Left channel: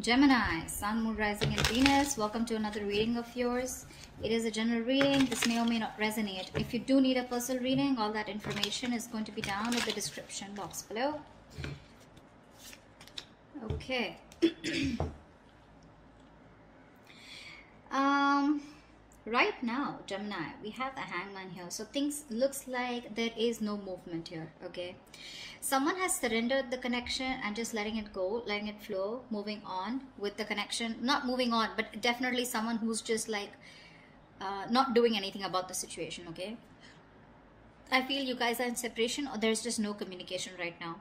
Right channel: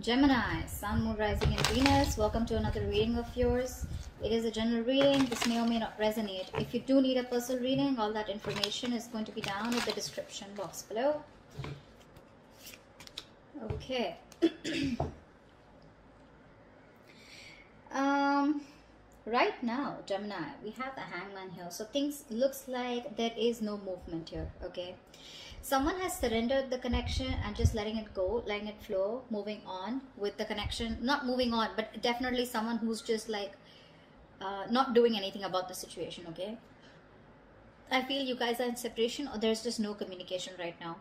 Gemini, Sun, Moon, Rising, and Venus. Welcome to another reading of yours. It is a general reading. This may or may not resonate. If you do need a personal reading, all that information is going to be down in the description box below. Okay. Right now, Gemini, we have the Hangman here. So things looks like there is no movement here. Okay. Someone has surrendered the connection and just letting it go, letting it flow, moving on with the connection. Not moving on, but definitely someone who's just like not doing anything about the situation. Okay. I feel you guys are in separation or there's just no communication right now.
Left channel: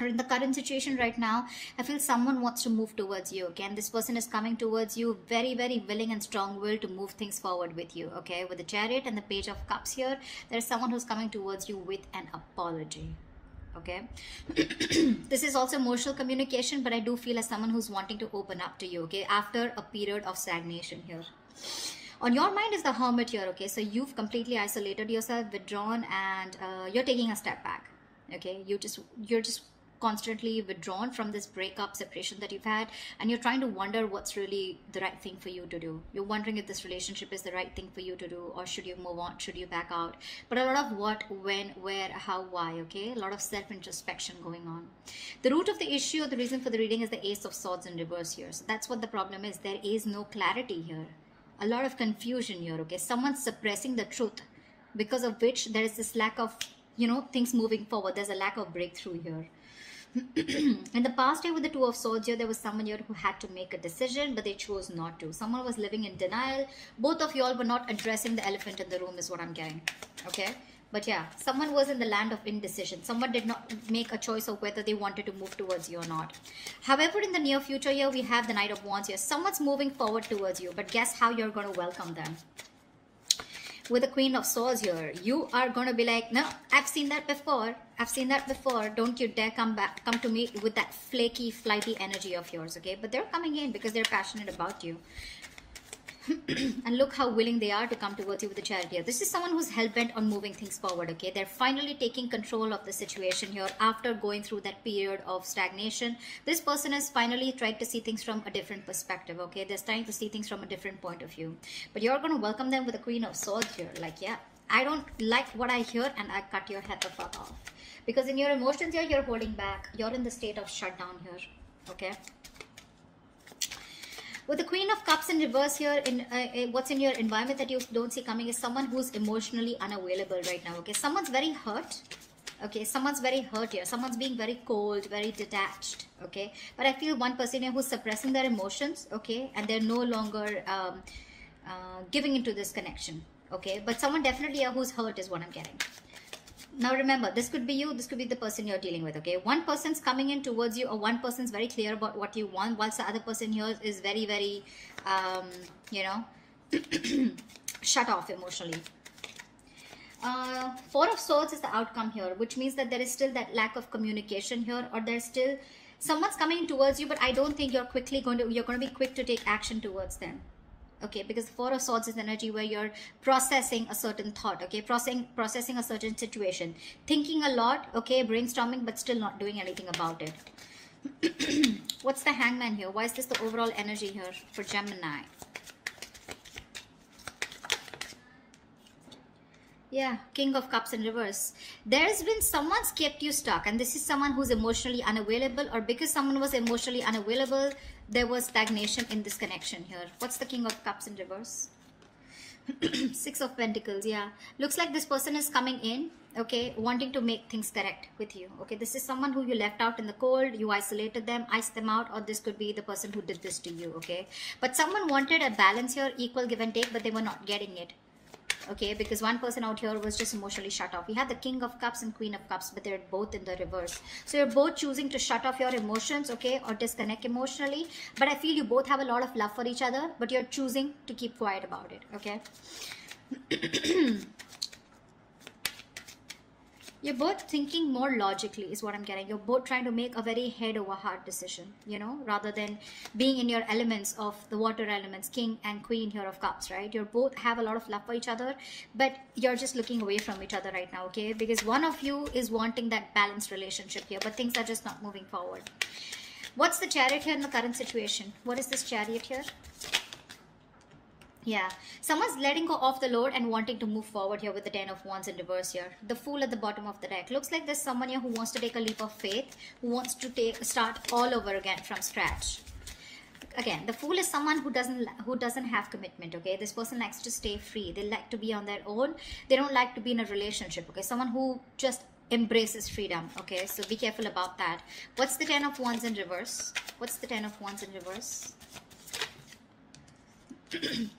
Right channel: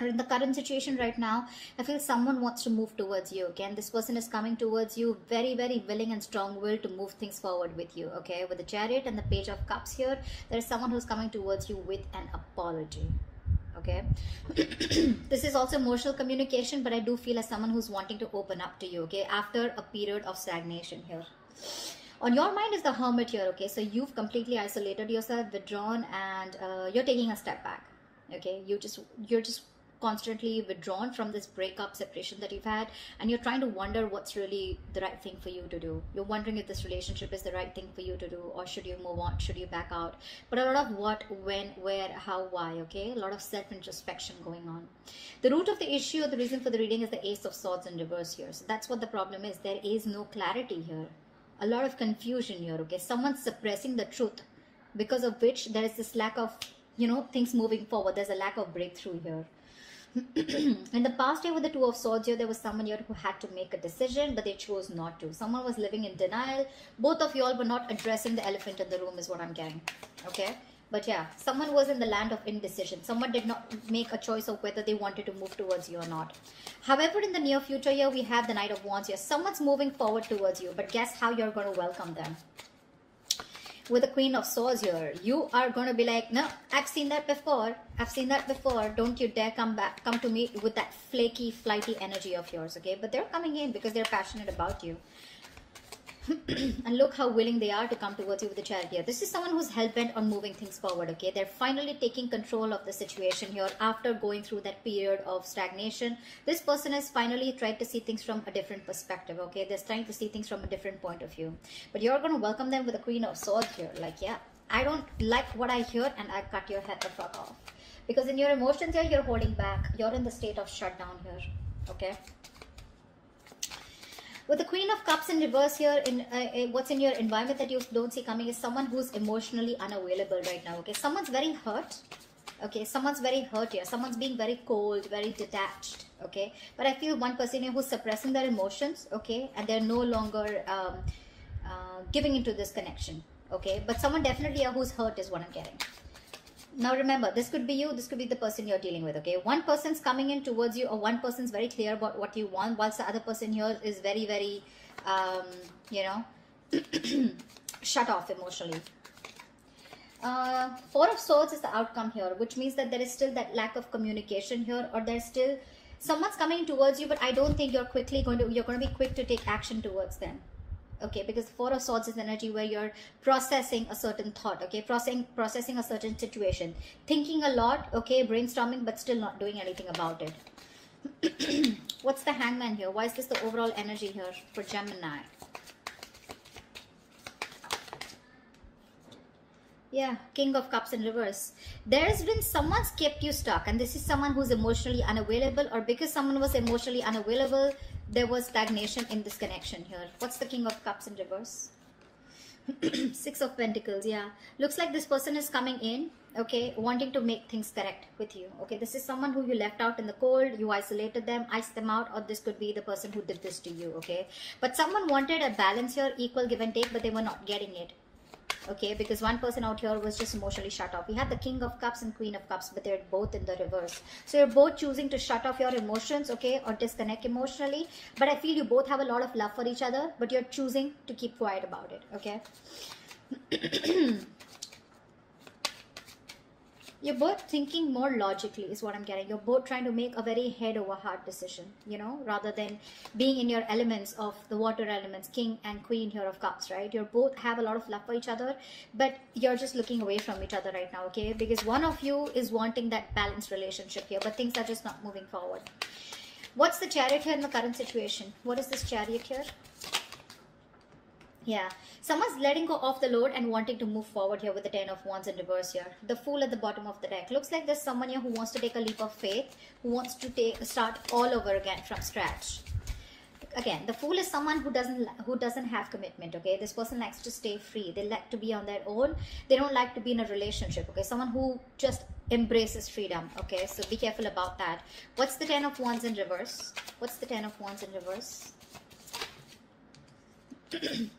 Or in the current situation right now, I feel someone wants to move towards you. Again, this person is coming towards you very, very willing and strong-willed to move things forward with you. Okay, with the Chariot and the Page of Cups here, there's someone who's coming towards you with an apology. Okay. This is also emotional communication, but I do feel as someone who's wanting to open up to you. Okay, after a period of stagnation here. On your mind is the Hermit here. Okay, so you've completely isolated yourself, withdrawn, and you're taking a step back. Okay, you're just constantly withdrawn from this breakup, separation that you've had, and you're trying to wonder what's really the right thing for you to do. You're wondering if this relationship is the right thing for you to do, or should you move on, should you back out. But a lot of what, when, where, how, why. Okay, a lot of self-introspection going on. The root of the issue, the reason for the reading, is the Ace of Swords in reverse here. So that's what the problem is. There is no clarity here, a lot of confusion here. Okay, someone's suppressing the truth, because of which there is this lack of, you know, things moving forward. There's a lack of breakthrough here. In the past year with the Two of Swords here, there was someone here who had to make a decision, but they chose not to. Someone was living in denial. Both of you all were not addressing the elephant in the room is what I'm getting. Okay, but yeah, someone was in the land of indecision. Someone did not make a choice of whether they wanted to move towards you or not. However, in the near future here, we have the Knight of Wands here. Someone's moving forward towards you, but guess how you're going to welcome them? With the Queen of Swords here, you are going to be like, no, I've seen that before. I've seen that before. Don't you dare come to me with that flaky, flighty energy of yours, okay? But they're coming in because they're passionate about you. And look how willing they are to come towards you with the Chariot here. This is someone who's hell-bent on moving things forward, okay? They're finally taking control of the situation here after going through that period of stagnation. This person has finally tried to see things from a different perspective, okay? They're trying to see things from a different point of view. But you're going to welcome them with the Queen of Swords here. Like, yeah, I don't like what I hear and I cut your head the fuck off. Because in your emotions here, you're holding back. You're in the state of shutdown here, okay? With the Queen of Cups in reverse here, what's in your environment that you don't see coming is someone who's emotionally unavailable right now, okay? Someone's very hurt, okay? Someone's very hurt here. Someone's being very cold, very detached, okay? But I feel one person here who's suppressing their emotions, okay? And they're no longer giving into this connection, okay? But someone definitely here who's hurt is what I'm getting. Now remember, this could be you, this could be the person you're dealing with, okay? One person's coming in towards you, or one person's very clear about what you want, whilst the other person here is very, very, you know, shut off emotionally. Four of Swords is the outcome here, which means that there is still that lack of communication here, or there's still, someone's coming towards you, but I don't think you're going to be quick to take action towards them. Okay, because Four of Swords is energy where you're processing a certain thought, okay, processing a certain situation, thinking a lot, okay, brainstorming, but still not doing anything about it. What's the Hangman here? Why is this the overall energy here for Gemini? Yeah, King of Cups in reverse. There's been someone's kept you stuck, and this is someone who's emotionally unavailable, or because someone was emotionally unavailable, there was stagnation in this connection here. What's the King of Cups in reverse? Six of Pentacles, yeah. Looks like this person is coming in, okay, wanting to make things correct with you. Okay, this is someone who you left out in the cold, you isolated them, iced them out, or this could be the person who did this to you, okay? But someone wanted a balance here, equal give and take, but they were not getting it. Okay, because one person out here was just emotionally shut off. We had the King of Cups and Queen of Cups, but they're both in the reverse. So you're both choosing to shut off your emotions, okay, or disconnect emotionally. But I feel you both have a lot of love for each other, but you're choosing to keep quiet about it, okay? You're both thinking more logically is what I'm getting. You're both trying to make a very head over heart decision, you know, rather than being in your elements of the water elements, King and Queen here of Cups, right? You both have a lot of love for each other, but you're just looking away from each other right now, okay? Because one of you is wanting that balanced relationship here, but things are just not moving forward. What's the Chariot here in the current situation? What is this Chariot here? Yeah, someone's letting go of the load and wanting to move forward here with the 10 of Wands in reverse here. The Fool at the bottom of the deck. Looks like there's someone here who wants to take a leap of faith, who wants to start all over again from scratch. Again, the Fool is someone who doesn't have commitment. Okay, this person likes to stay free. They like to be on their own. They don't like to be in a relationship. Okay, someone who just embraces freedom. Okay, so be careful about that. What's the 10 of Wands in reverse? What's the 10 of Wands in reverse?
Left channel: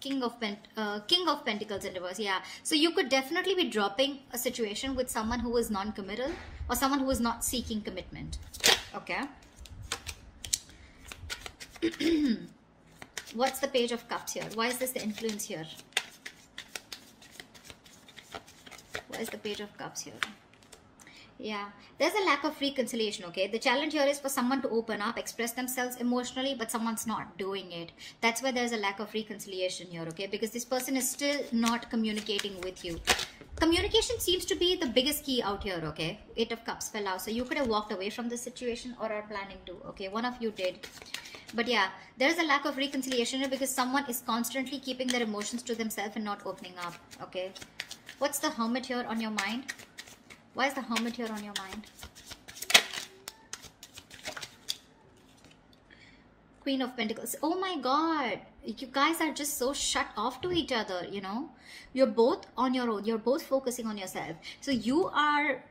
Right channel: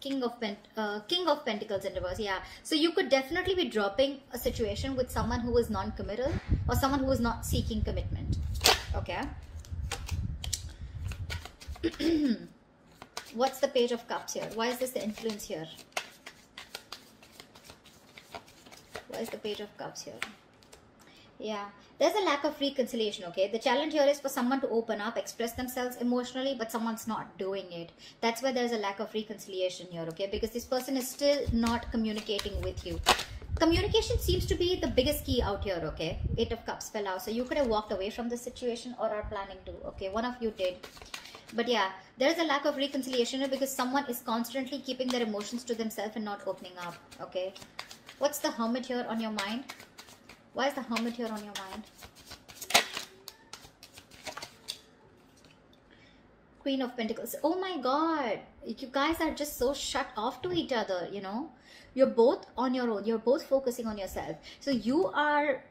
King of Pentacles in reverse. Yeah, so you could definitely be dropping a situation with someone who is non-committal or someone who is not seeking commitment. Okay. What's the Page of Cups here? Why is this the influence here? Why is the Page of Cups here? Yeah, there's a lack of reconciliation. Okay, the challenge here is for someone to open up, express themselves emotionally, but someone's not doing it. That's why there's a lack of reconciliation here. Okay, because this person is still not communicating with you. Communication seems to be the biggest key out here. Okay, 8 of Cups fell out, so you could have walked away from this situation or are planning to. Okay, one of you did. But yeah, there's a lack of reconciliation here because someone is constantly keeping their emotions to themselves and not opening up. Okay, what's the Hermit here on your mind? Why is the Hermit here on your mind? Queen of Pentacles. Oh my God. You guys are just so shut off to each other, you know. You're both on your own. You're both focusing on yourself. So you are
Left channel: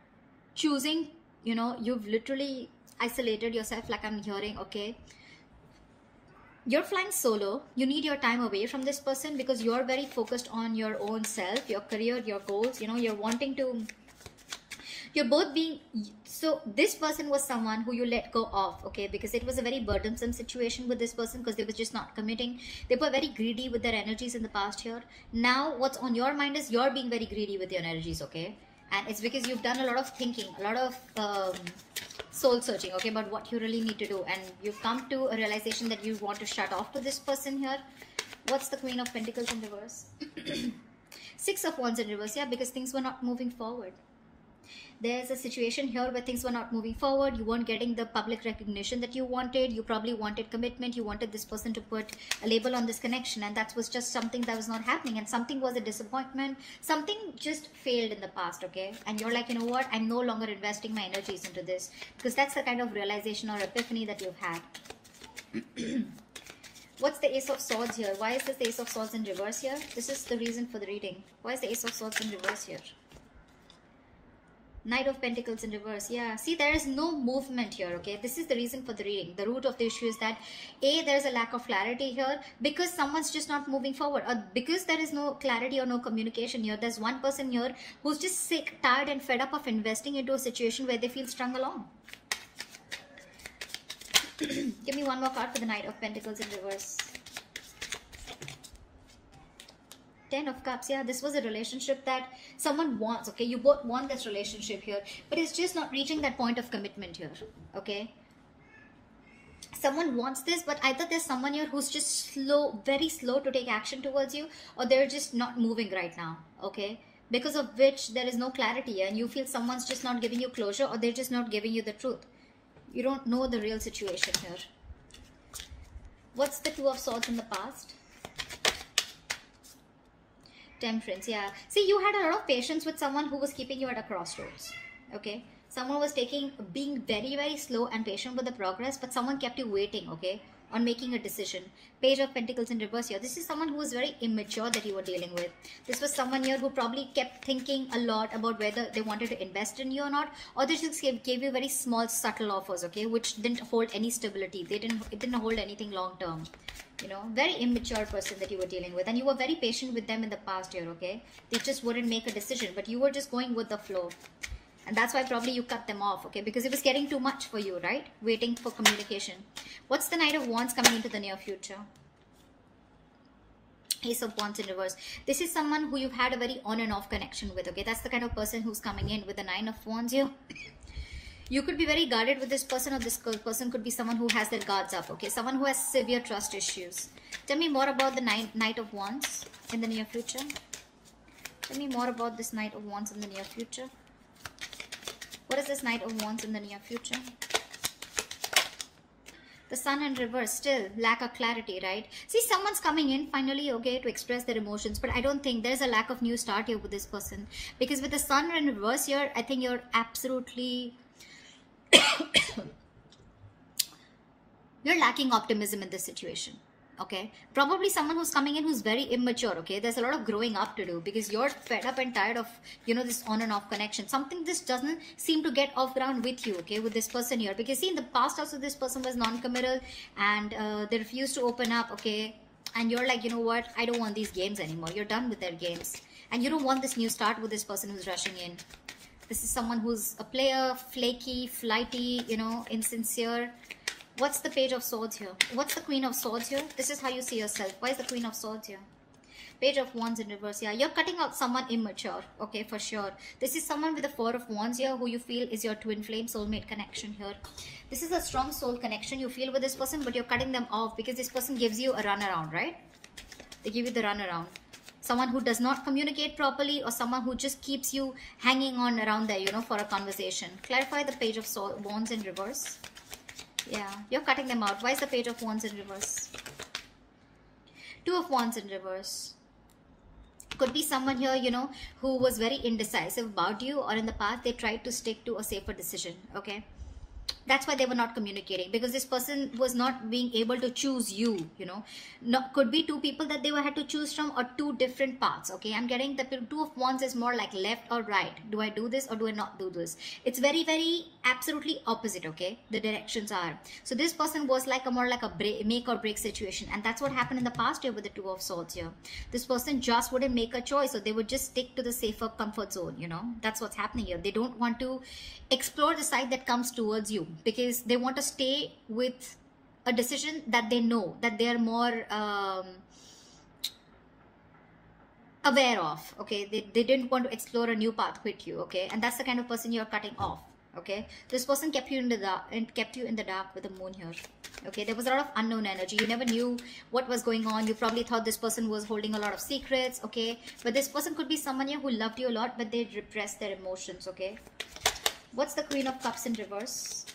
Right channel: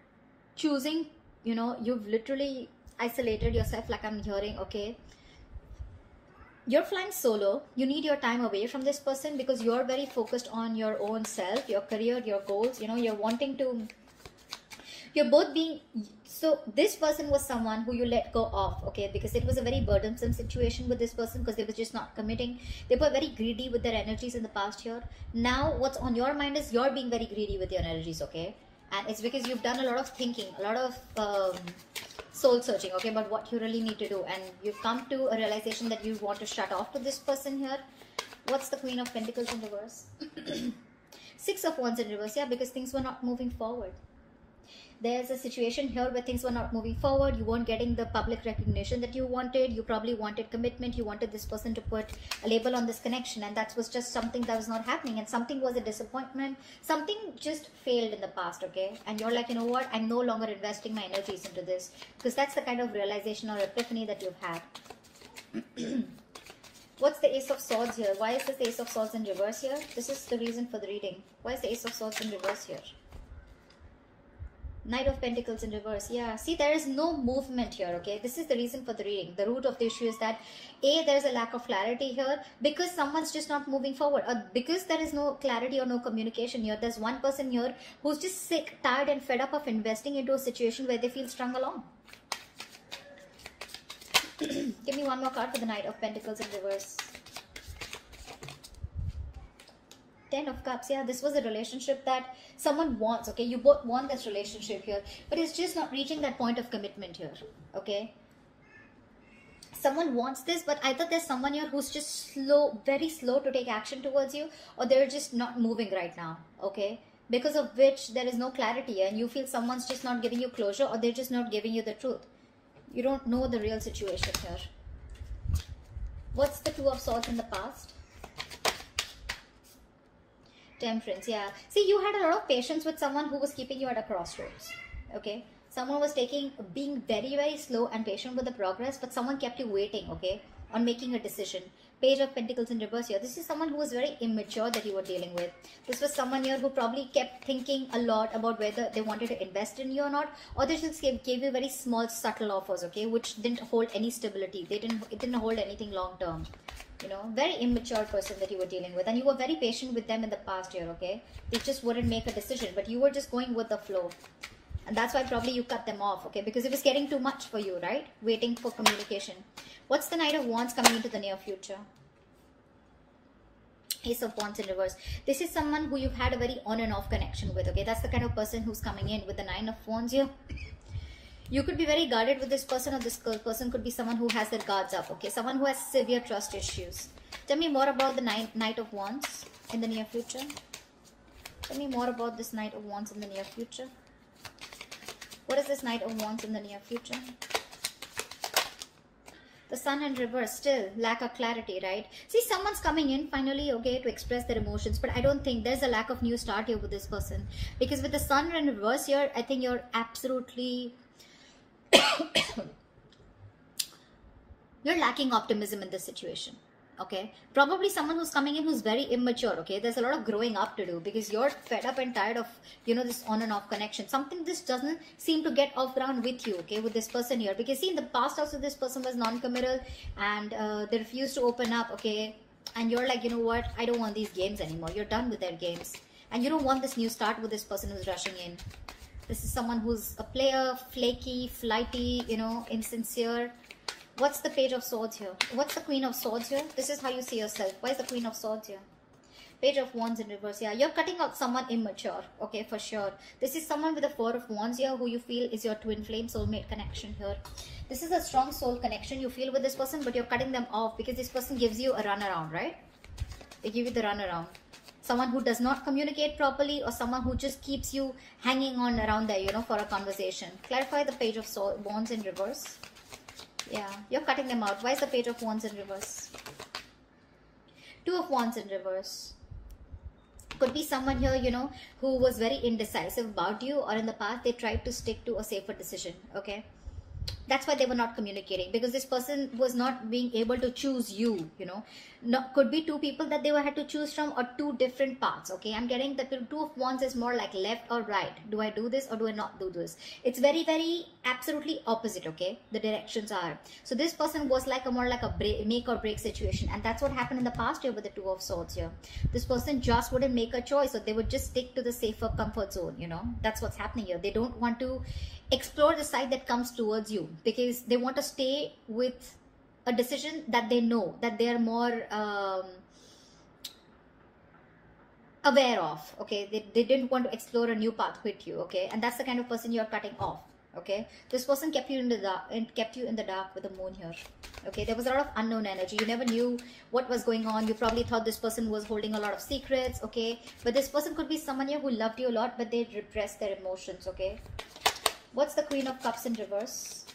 choosing, you know, you've literally isolated yourself like I'm hearing, okay. You're flying solo. You need your time away from this person because you're very focused on your own self, your career, your goals. You know, you're wanting to... You're both being... So this person was someone who you let go of, okay, because it was a very burdensome situation with this person because they were just not committing. They were very greedy with their energies in the past year. Now what's on your mind is you're being very greedy with your energies, okay, and it's because you've done a lot of thinking, a lot of soul searching, okay, about what you really need to do, and you've come to a realization that you want to shut off to this person here. What's the Queen of Pentacles in reverse? 6 of Wands in reverse. Yeah, because things were not moving forward. There's a situation here where things were not moving forward. You weren't getting the public recognition that you wanted. You probably wanted commitment. You wanted this person to put a label on this connection, and that was just something that was not happening, and something was a disappointment. Something just failed in the past, okay, and you're like, you know what, I'm no longer investing my energies into this, because that's the kind of realization or epiphany that you've had. What's the Ace of Swords here? Why is this the Ace of Swords in reverse here? This is the reason for the reading. Why is the Ace of Swords in reverse here? Knight of Pentacles in reverse. Yeah, see, there is no movement here, okay. This is the reason for the reading. The root of the issue is that there's a lack of clarity here because someone's just not moving forward, or because there is no clarity or no communication here. There's one person here who's just sick, tired and fed up of investing into a situation where they feel strung along. Give me one more card for the Knight of Pentacles in reverse. 10 of Cups. Yeah, this was a relationship that someone wants, okay. You both want this relationship here, but it's just not reaching that point of commitment here, okay. Someone wants this, but either there's someone here who's just slow, very slow to take action towards you, or they're just not moving right now, okay, because of which there is no clarity and you feel someone's just not giving you closure, or they're just not giving you the truth. You don't know the real situation here. What's the Two of Swords in the past? Temperance. Yeah, see, you had a lot of patience with someone who was keeping you at a crossroads, okay. Someone was being very, very slow and patient with the progress, but someone kept you waiting, okay, on making a decision. Page of Pentacles in reverse here. This is someone who was very immature that you were dealing with. This was someone here who probably kept thinking a lot about whether they wanted to invest in you or not, or they just gave you very small, subtle offers, okay, which didn't hold any stability. It didn't hold anything long term. You know, very immature person that you were dealing with, and you were very patient with them in the past year, okay. They just wouldn't make a decision, but you were just going with the flow. And that's why probably you cut them off, okay, because it was getting too much for you, right? Waiting for communication. What's the Knight of Wands coming into the near future? Ace of Wands in reverse. This is someone who you've had a very on and off connection with, okay? That's the kind of person who's coming in with the 9 of Wands here. You could be very guarded with this person, or this person could be someone who has their guards up, okay? Someone who has severe trust issues. Tell me more about the Knight of Wands in the near future. Tell me more about this Knight of Wands in the near future. What is this Knight of Wands in the near future? Sun in reverse, still lack of clarity, right? See, someone's coming in finally, okay, to express their emotions, but I don't think there's a lack of new start here with this person, because with the Sun in reverse here, I think you're absolutely you're lacking optimism in this situation. Okay, probably someone who's coming in who's very immature. Okay, there's a lot of growing up to do, because you're fed up and tired of, you know, this on and off connection. Something this doesn't seem to get off ground with you, okay, with this person here, because see, in the past also this person was non-committal, and they refused to open up. Okay, and you're like, you know what, I don't want these games anymore. You're done with their games, and you don't want this new start with this person who's rushing in. This is someone who's a player, flaky, flighty, you know, insincere. What's the Page of Swords here? What's the Queen of Swords here? This is how you see yourself. Why is the Queen of Swords here? Page of Wands in reverse. Yeah, you're cutting out someone immature. Okay, for sure. This is someone with the Four of Wands here who you feel is your twin flame soulmate connection here. This is a strong soul connection you feel with this person, but you're cutting them off because this person gives you a runaround, right? They give you the runaround. Someone who does not communicate properly, or someone who just keeps you hanging on around there, you know, for a conversation. Clarify the Page of Wands in reverse. Yeah, you're cutting them out. Why is the Page of Wands in reverse? Two of Wands in reverse. Could be someone here, you know, who was very indecisive about you, or in the past they tried to stick to a safer decision. Okay, that's why they were not communicating, because this person was not being able to choose you, you know. Could be two people that they had to choose from, or two different paths. Okay, I'm getting the Two of Wands is more like left or right. Do I do this or do I not do this? It's very, very absolutely opposite. Okay, the directions are. So this person was like a more like a make or break situation, and that's what happened in the past year with the Two of Swords here. This person just wouldn't make a choice, so they would just stick to the safer comfort zone, you know. That's what's happening here. They don't want to explore the side that comes towards you, because they want to stay with a decision that they know, that they're more aware of. Okay, they didn't want to explore a new path with you. Okay, and that's the kind of person you're cutting off. Okay, this person kept you in the dark, and kept you in the dark with the moon here. Okay, there was a lot of unknown energy. You never knew what was going on. You probably thought this person was holding a lot of secrets. Okay, but this person could be someone here who loved you a lot, but they repressed their emotions. Okay, what's the Queen of Cups in reverse?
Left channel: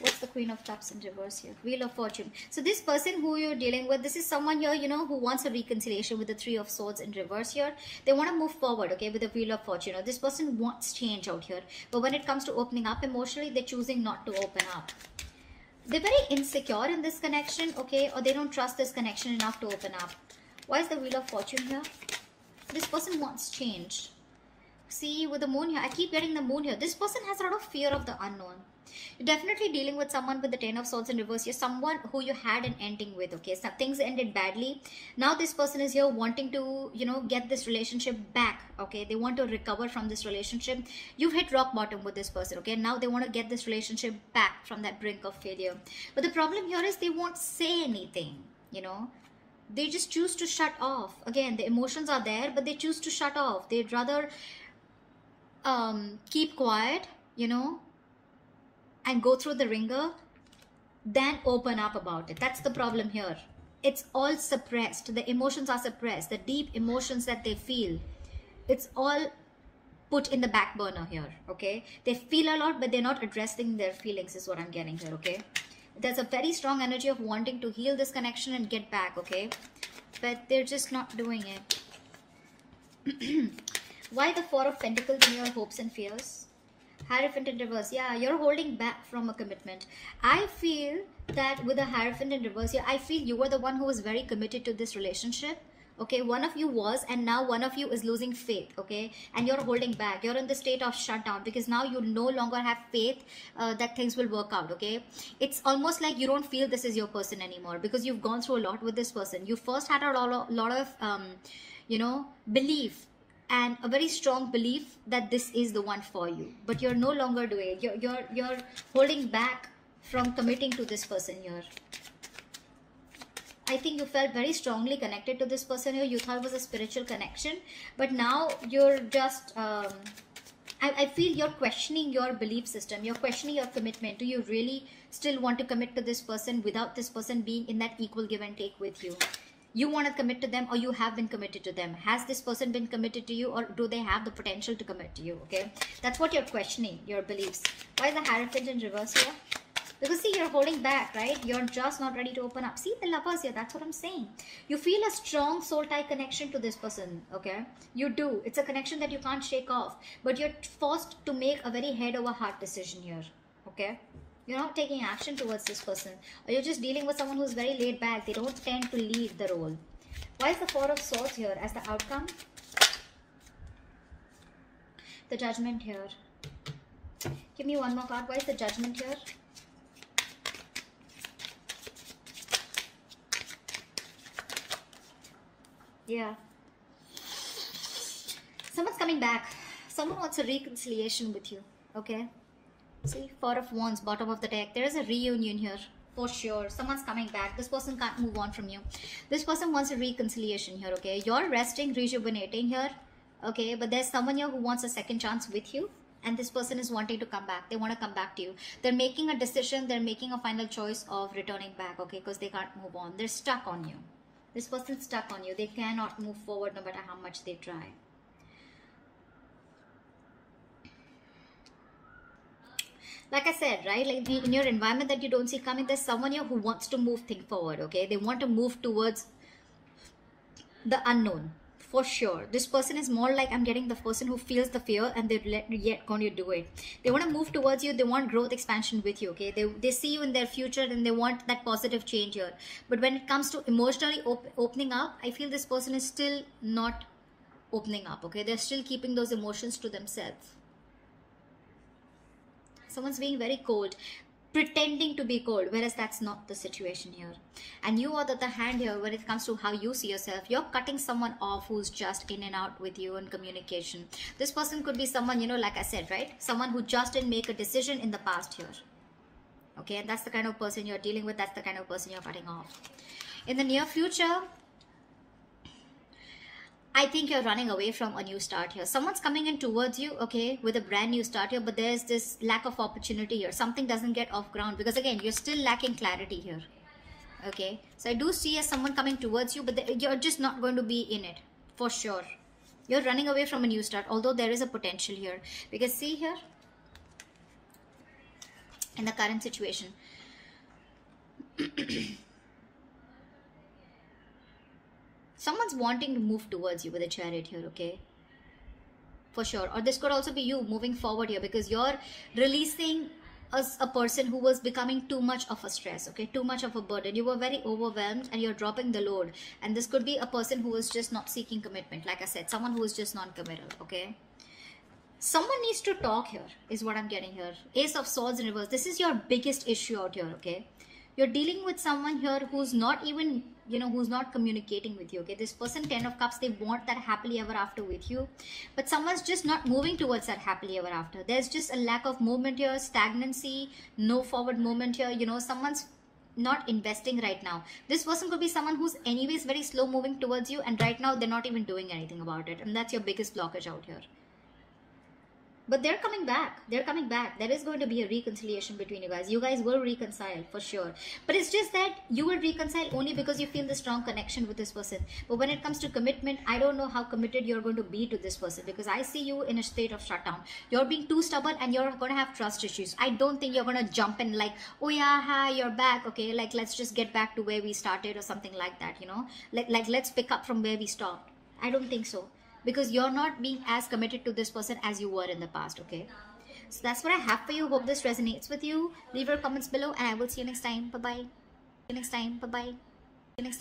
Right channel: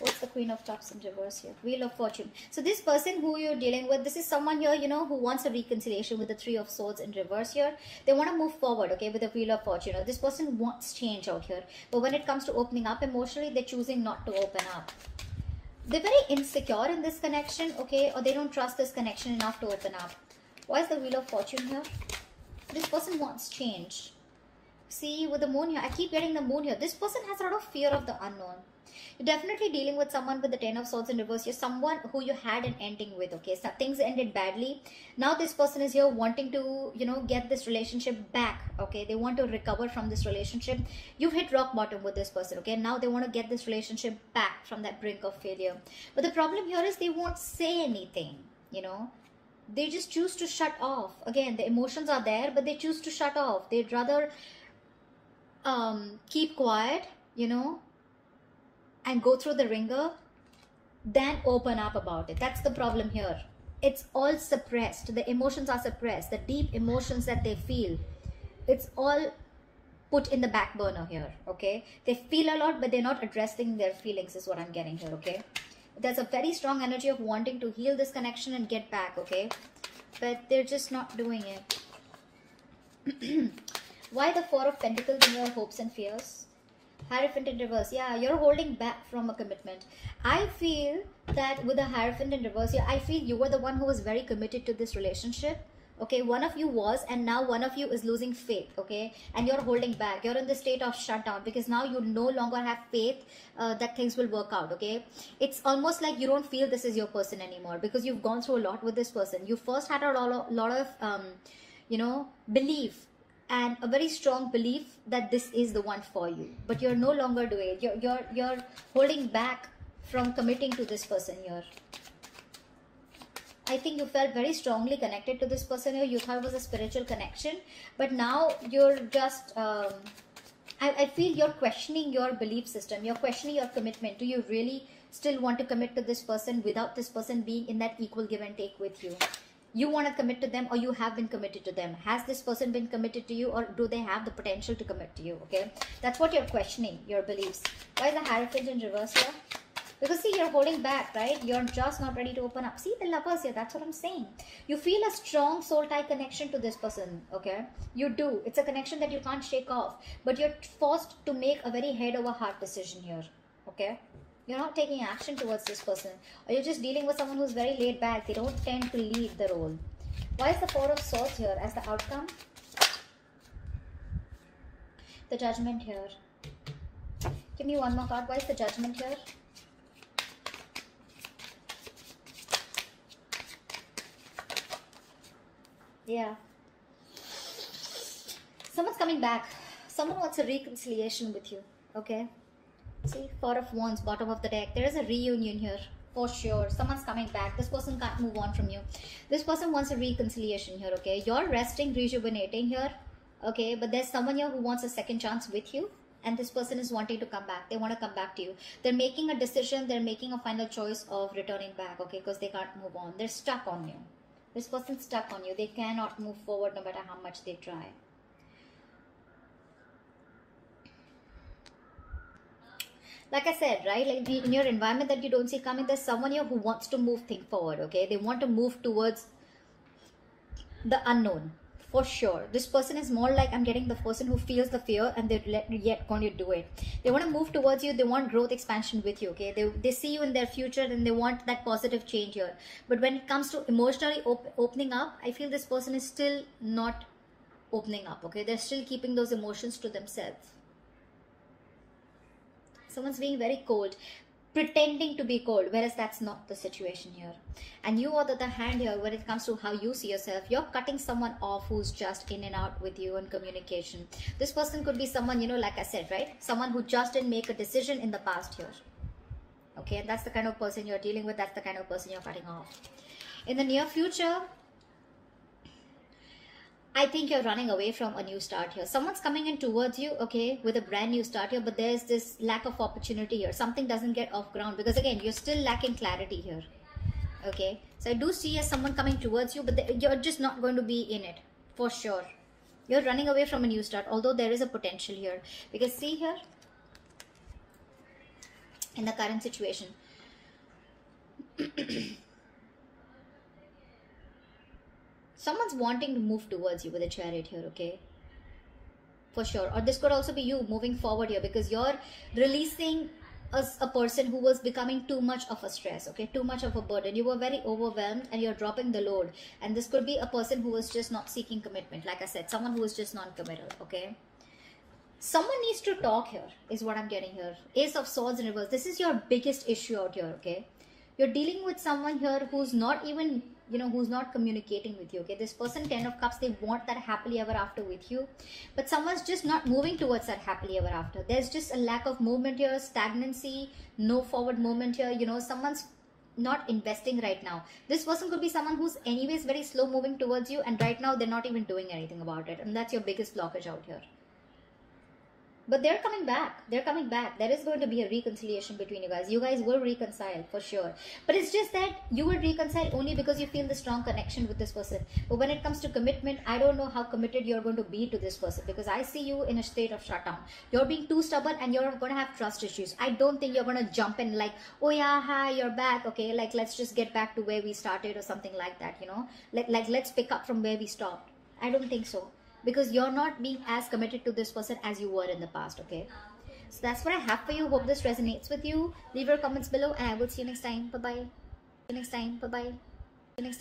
What's the Queen of Cups in reverse here? Wheel of Fortune. So this person who you're dealing with, this is someone here, you know, who wants a reconciliation with the Three of Swords in reverse here. They want to move forward, okay, with the Wheel of Fortune. This person wants change out here. But when it comes to opening up emotionally, they're choosing not to open up. They're very insecure in this connection, okay, or they don't trust this connection enough to open up. Why is the Wheel of Fortune here? This person wants change. See, with the moon here, I keep getting the moon here. This person has a lot of fear of the unknown. You're definitely dealing with someone with the Ten of Swords in reverse. You're someone who you had an ending with, okay? So things ended badly. Now this person is here wanting to, you know, get this relationship back, okay? They want to recover from this relationship. You've hit rock bottom with this person, okay? Now they want to get this relationship back from that brink of failure. But the problem here is they won't say anything, you know? They just choose to shut off. Again, the emotions are there, but they choose to shut off. They'd rather keep quiet, you know, and go through the ringer than open up about it. That's the problem here. It's all suppressed. The emotions are suppressed. The deep emotions that they feel, it's all put in the back burner here, okay? They feel a lot, but they're not addressing their feelings is what I'm getting here, okay? There's a very strong energy of wanting to heal this connection and get back, okay? But they're just not doing it. Why the Four of Pentacles in your hopes and fears? Hierophant in reverse. Yeah, you're holding back from a commitment. I feel that with the Hierophant in reverse here, I feel you were the one who was very committed to this relationship. Okay, one of you was, and now one of you is losing faith, okay? And you're holding back. You're in the state of shutdown because now you no longer have faith that things will work out, okay? It's almost like you don't feel this is your person anymore because you've gone through a lot with this person. You first had a lot of, you know, belief and a very strong belief that this is the one for you, but you're no longer doing it. You're holding back from committing to this person here. I think you felt very strongly connected to this person here. You thought it was a spiritual connection, but now you're just I feel you're questioning your belief system. You're questioning your commitment. Do you really still want to commit to this person without this person being in that equal give and take with you? You want to commit to them, or you have been committed to them? Has this person been committed to you, or do they have the potential to commit to you? Okay, that's what you're questioning, your beliefs. Why is the Hierophant in reverse here? Because see, you're holding back, right? You're just not ready to open up. See the Lovers here, that's what I'm saying. You feel a strong soul tie connection to this person, okay? You do. It's a connection that you can't shake off. But you're forced to make a very head over heart decision here, okay? You're not taking action towards this person. Or you're just dealing with someone who's very laid back. They don't tend to lead the role. Why is the Four of Swords here as the outcome? The Judgment here. Give me one more card. Why is the Judgment here? Yeah. Someone's coming back. Someone wants a reconciliation with you. Okay. See, Four of Wands, bottom of the deck. There is a reunion here. For sure. Someone's coming back. This person can't move on from you. This person wants a reconciliation here. Okay. You're resting, rejuvenating here. Okay. But there's someone here who wants a second chance with you. And this person is wanting to come back. They want to come back to you. They're making a decision. They're making a final choice of returning back. Okay. Because they can't move on. They're stuck on you. This person's stuck on you. They cannot move forward no matter how much they try. Like I said, right? Like in your environment that you don't see coming, there's someone here who wants to move things forward, okay? They want to move towards the unknown. For sure. This person is more like, I'm getting the person who feels the fear and they're yet going to do it. They want to move towards you. They want growth, expansion with you, okay? They see you in their future and they want that positive change here. But when it comes to emotionally opening up, I feel this person is still not opening up, okay? They're still keeping those emotions to themselves. Someone's being very cold, pretending to be cold, whereas that's not the situation here. And you, on the other hand here, when it comes to how you see yourself, you're cutting someone off who's just in and out with you in communication. This person could be someone, you know, like I said, right? Someone who just didn't make a decision in the past here. Okay, and that's the kind of person you're dealing with. That's the kind of person you're cutting off. In the near future, I think you're running away from a new start here. Someone's coming in towards you, okay, with a brand new start here, but there's this lack of opportunity here. Something doesn't get off ground because, again, you're still lacking clarity here, okay? So I do see someone coming towards you, but you're just not going to be in it, for sure. You're running away from a new start, although there is a potential here. Because see here, in the current situation, someone's wanting to move towards you with a Chariot here, okay? For sure. Or this could also be you moving forward here because you're releasing a person who was becoming too much of a stress, okay? Too much of a burden. You were very overwhelmed and you're dropping the load. And this could be a person who was just not seeking commitment. Like I said, someone who is just non-committal, okay? Someone needs to talk here, is what I'm getting here. Ace of Swords in reverse. This is your biggest issue out here, okay? You're dealing with someone here who's not even, you know, who's not communicating with you, okay? This person, 10 of Cups, they want that happily ever after with you. But someone's just not moving towards that happily ever after. There's just a lack of movement here, stagnancy, no forward movement here. You know, someone's not investing right now. This person could be someone who's anyways very slow moving towards you, and right now they're not even doing anything about it. And that's your biggest blockage out here. But they're coming back. They're coming back. There is going to be a reconciliation between you guys. You guys will reconcile for sure. But it's just that you will reconcile only because you feel the strong connection with this person. But when it comes to commitment, I don't know how committed you're going to be to this person because I see you in a state of shutdown. You're being too stubborn and you're going to have trust issues. I don't think you're going to jump in like, oh yeah, hi, you're back. Okay, like let's just get back to where we started or something like that, you know. Like let's pick up from where we stopped. I don't think so. Because you're not being as committed to this person as you were in the past, okay? So that's what I have for you. Hope this resonates with you. Leave your comments below and I will see you next time. Bye-bye. See you next time. Bye-bye. See you next time.